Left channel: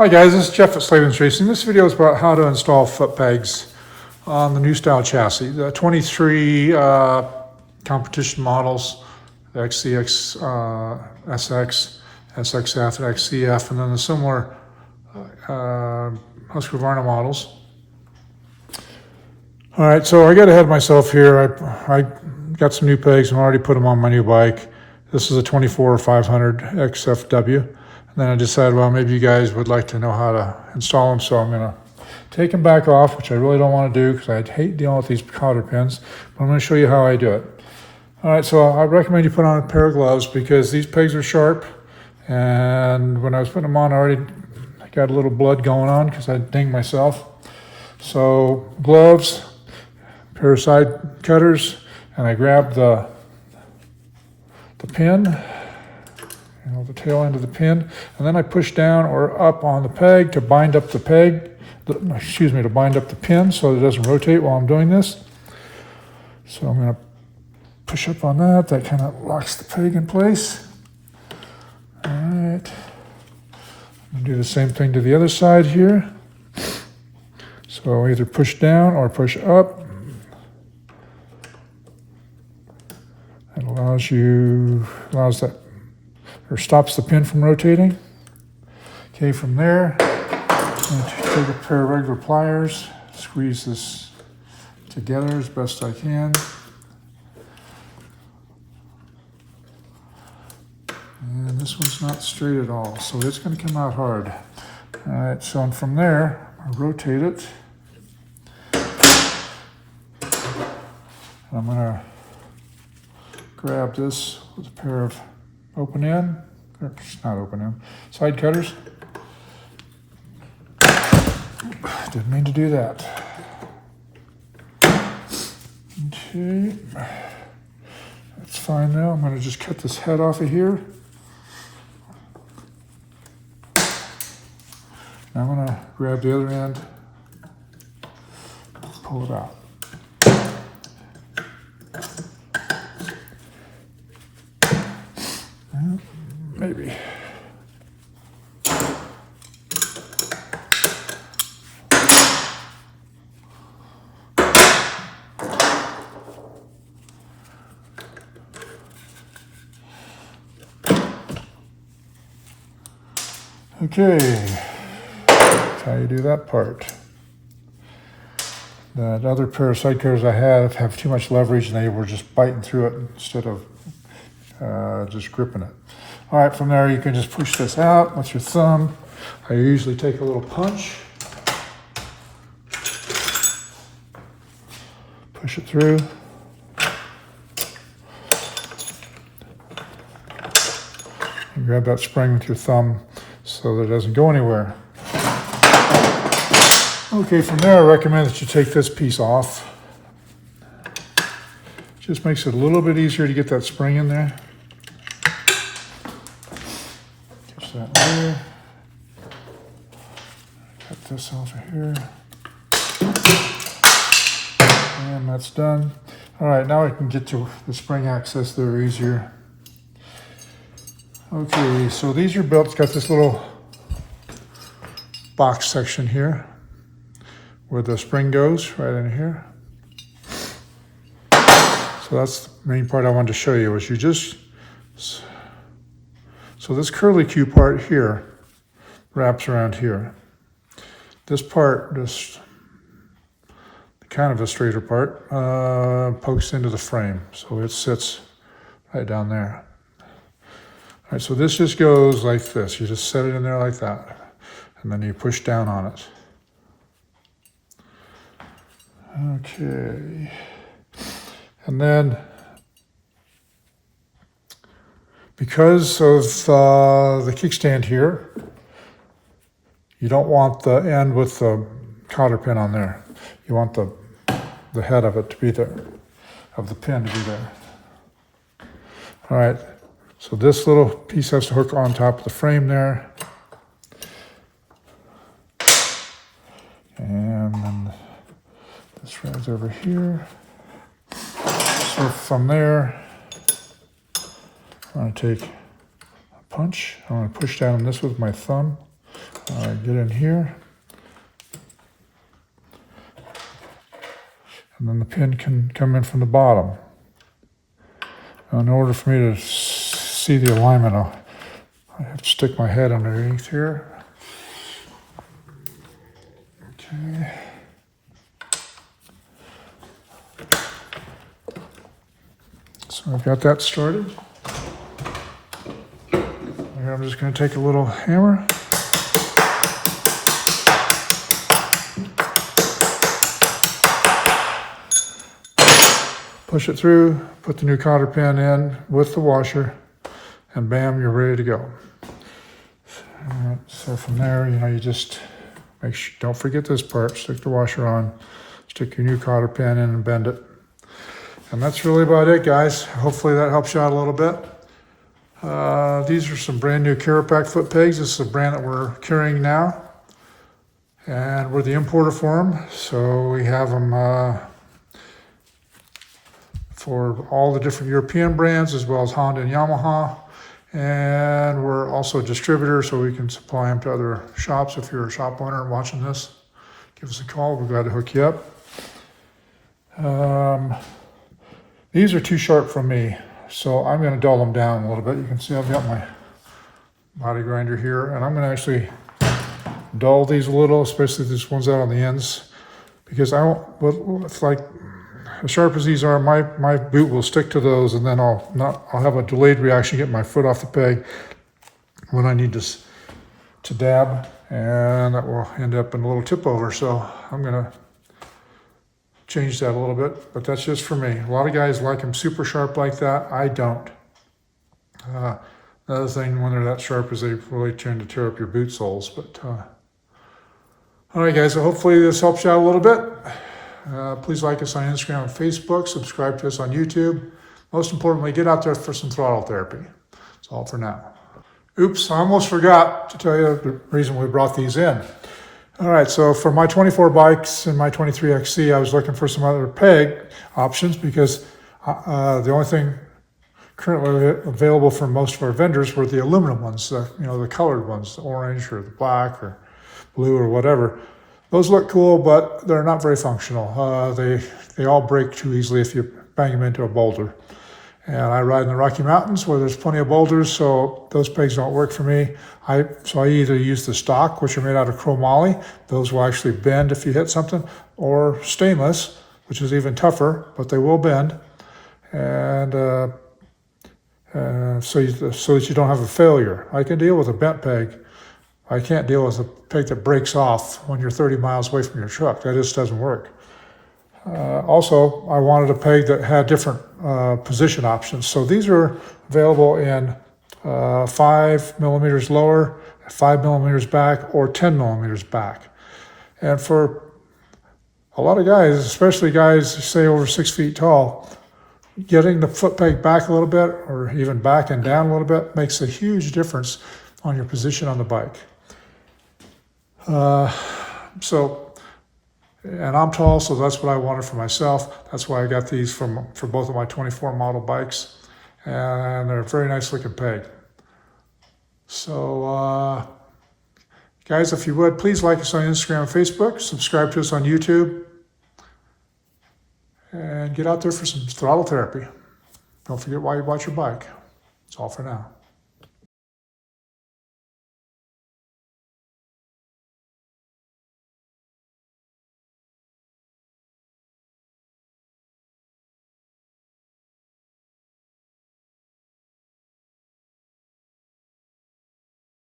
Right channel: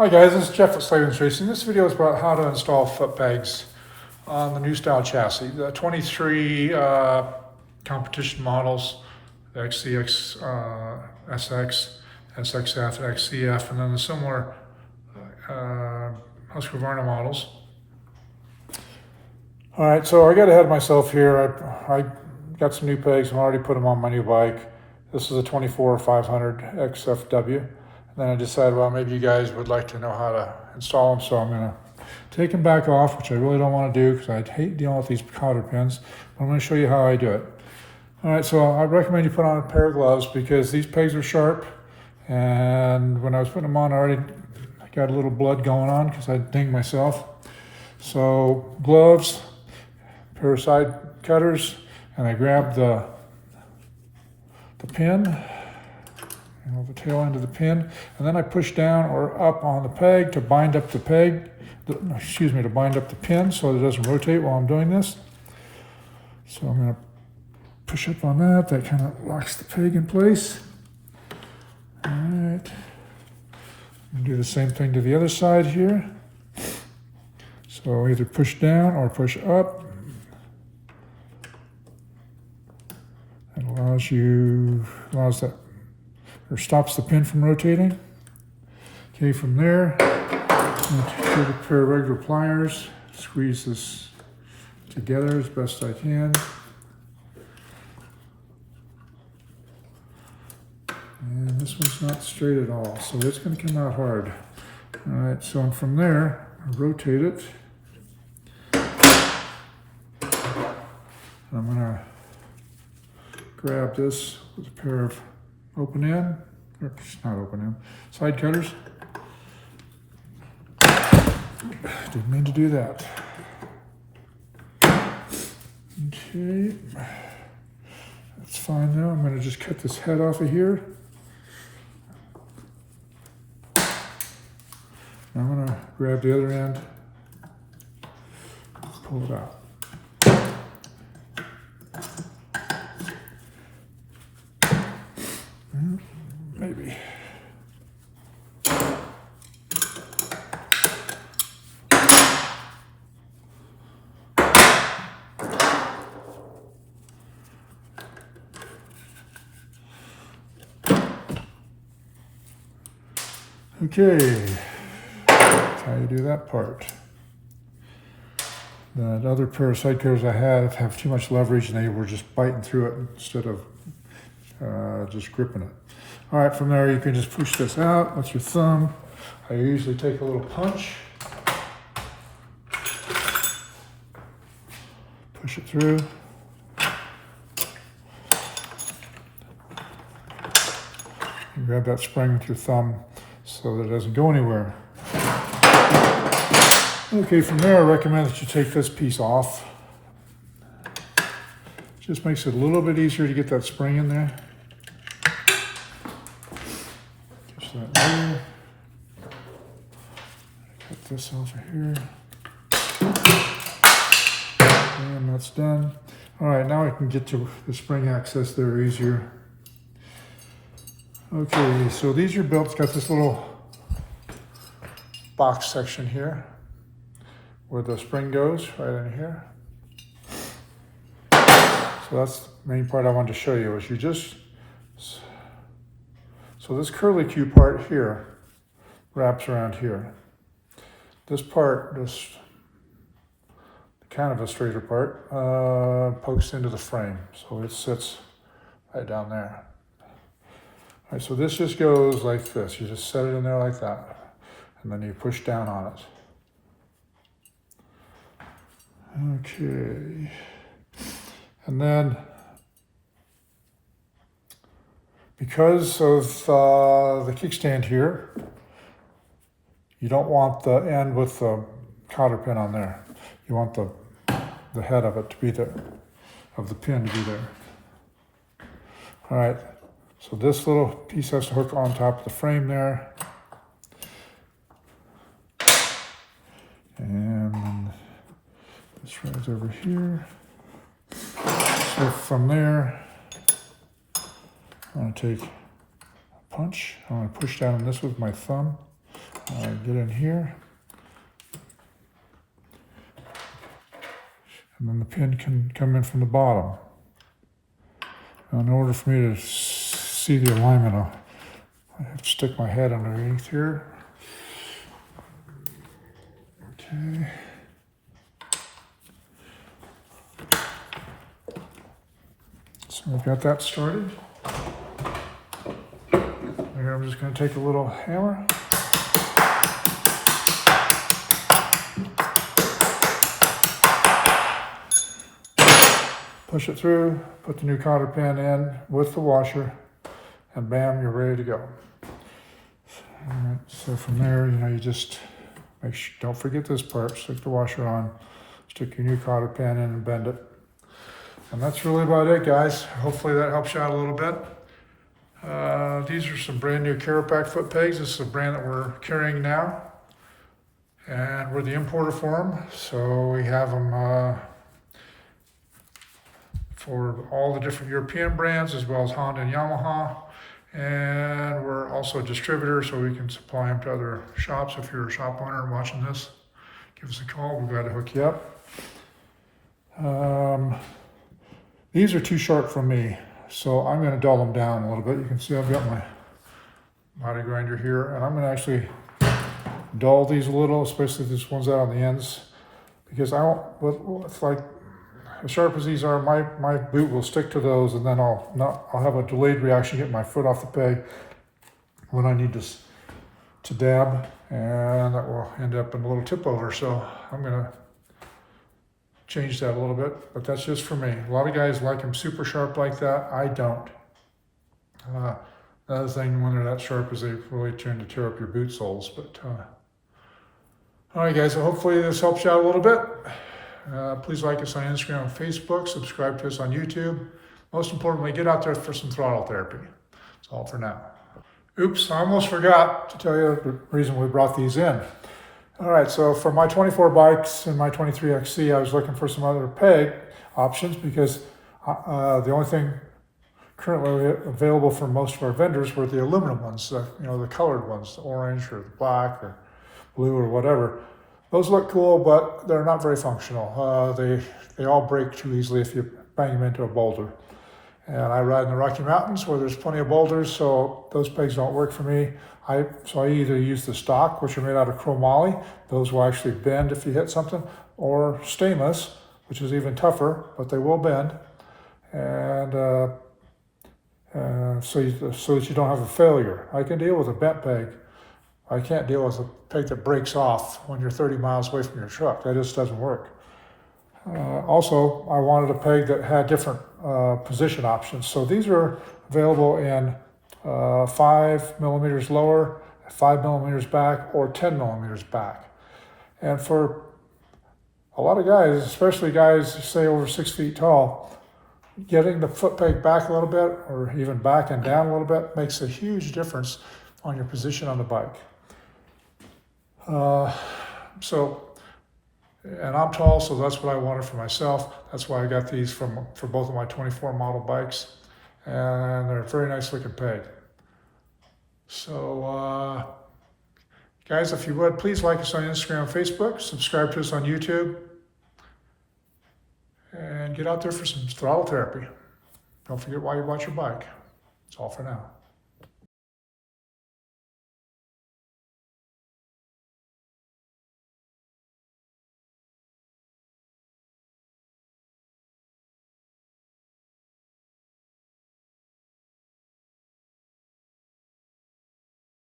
Hi guys, this is Jeff at Slavens Racing. This video is about how to install foot pegs on the new style chassis. The 23 competition models, the XCX, SX, SXF, and XCF, and then the similar Husqvarna models. All right, so I got ahead of myself here. I got some new pegs and already put them on my new bike. This is a 24-500 XFW. And then I decided, well, maybe you guys would like to know how to install them, so I'm going to take them back off, which I really don't want to do because I hate dealing with these cotter pins, but I'm going to show you how I do it. All right, so I recommend you put on a pair of gloves because these pegs are sharp, and when I was putting them on, I already got a little blood going on because I dinged myself. So gloves, pair of side cutters, and I grabbed the pin, the tail end of the pin, and then I push down or up on the peg to bind up the peg, to bind up the pin so it doesn't rotate while I'm doing this. So I'm going to push up on that. That kind of locks the peg in place. All right. I'm going to do the same thing to the other side here. So either push down or push up. It allows that, or stops the pin from rotating. Okay, from there, I'm going to take a pair of regular pliers, squeeze this together as best I can. And this one's not straight at all, so it's going to come out hard. All right, so and from there, I rotate it. And I'm going to grab this with a pair of open end, or not open end, side cutters. Didn't mean to do that. Okay, that's fine now. I'm going to just cut this head off of here. Now I'm going to grab the other end, pull it out. Maybe. Okay, that's how you do that part. That other pair of side cutters I have too much leverage and they were just biting through it instead of just gripping it. All right, from there you can just push this out with your thumb. I usually take a little punch, push it through. And grab that spring with your thumb so that it doesn't go anywhere. Okay, from there I recommend that you take this piece off. Just makes it a little bit easier to get that spring in there. That there. Cut this off of here. And that's done. All right, now I can get to the spring access there easier. Okay, so these are built, it's got this little box section here where the spring goes, right in here. So that's the main part I wanted to show you, was you just, so this curly Q part here wraps around here. This part, this kind of a straighter part, pokes into the frame. So it sits right down there. All right, so this just goes like this. You just set it in there like that. And then you push down on it. Okay. And then, because of the kickstand here, you don't want the end with the cotter pin on there. You want the head of it to be there, of the pin to be there. All right, so this little piece has to hook on top of the frame there. And then this rides over here. So from there, I'm going to take a punch. I'm going to push down on this with my thumb. get in here. And then the pin can come in from the bottom. Now, in order for me to see the alignment, I have to stick my head underneath here. Okay. So I've got that started. Here I'm just going to take a little hammer. Push it through, put the new cotter pin in with the washer, and bam, you're ready to go. All right, so from there, you just make sure, don't forget this part, stick the washer on, stick your new cotter pin in and bend it. And that's really about it, guys. Hopefully that helps you out a little bit. These are some brand new Carapak foot pegs. This is a brand that we're carrying now. And we're the importer for them. So we have them for all the different European brands, as well as Honda and Yamaha. And we're also a distributor, so we can supply them to other shops. If you're a shop owner and watching this, give us a call. We're glad to hook you up. These are too sharp for me, so I'm going to dull them down a little bit. You can see I've got my body grinder here, and I'm going to actually dull these a little, especially these ones out on the ends, because I don't, well, it's like, as sharp as these are, my boot will stick to those, and then I'll have a delayed reaction, get my foot off the peg when I need to dab, and that will end up in a little tip over. So I'm gonna change that a little bit, but that's just for me. A lot of guys like them super sharp like that. I don't. The other thing when they're that sharp is they really tend to tear up your boot soles. But all right, guys. So hopefully this helps you out a little bit. Please like us on Instagram and Facebook. Subscribe to us on YouTube. Most importantly, get out there for some throttle therapy. That's all for now. Oops, I almost forgot to tell you the reason we brought these in. All right, so for my 24 bikes and my 23XC, I was looking for some other peg options because the only thing currently available for most of our vendors were the aluminum ones, the colored ones, the orange or the black or blue or whatever. Those look cool, but they're not very functional. They all break too easily if you bang them into a boulder. And I ride in the Rocky Mountains where there's plenty of boulders, so those pegs don't work for me. So I either use the stock, which are made out of chromoly. Those will actually bend if you hit something, or stainless, which is even tougher, but they will bend. And so that you don't have a failure. I can deal with a bent peg. I can't deal with a peg that breaks off when you're 30 miles away from your truck. That just doesn't work. Also, I wanted a peg that had different position options. So these are available in 5 millimeters lower, 5 millimeters back, or 10 millimeters back. And for a lot of guys, especially guys say over 6 feet tall, getting the foot peg back a little bit, or even back and down a little bit, makes a huge difference on your position on the bike. And I'm tall, so that's what I wanted for myself. That's why I got these for both of my 24 model bikes, and they're a very nice looking peg. So guys, if you would, please like us on Instagram and Facebook, subscribe to us on YouTube, and get out there for some throttle therapy. Don't forget why you bought your bike. That's all for now.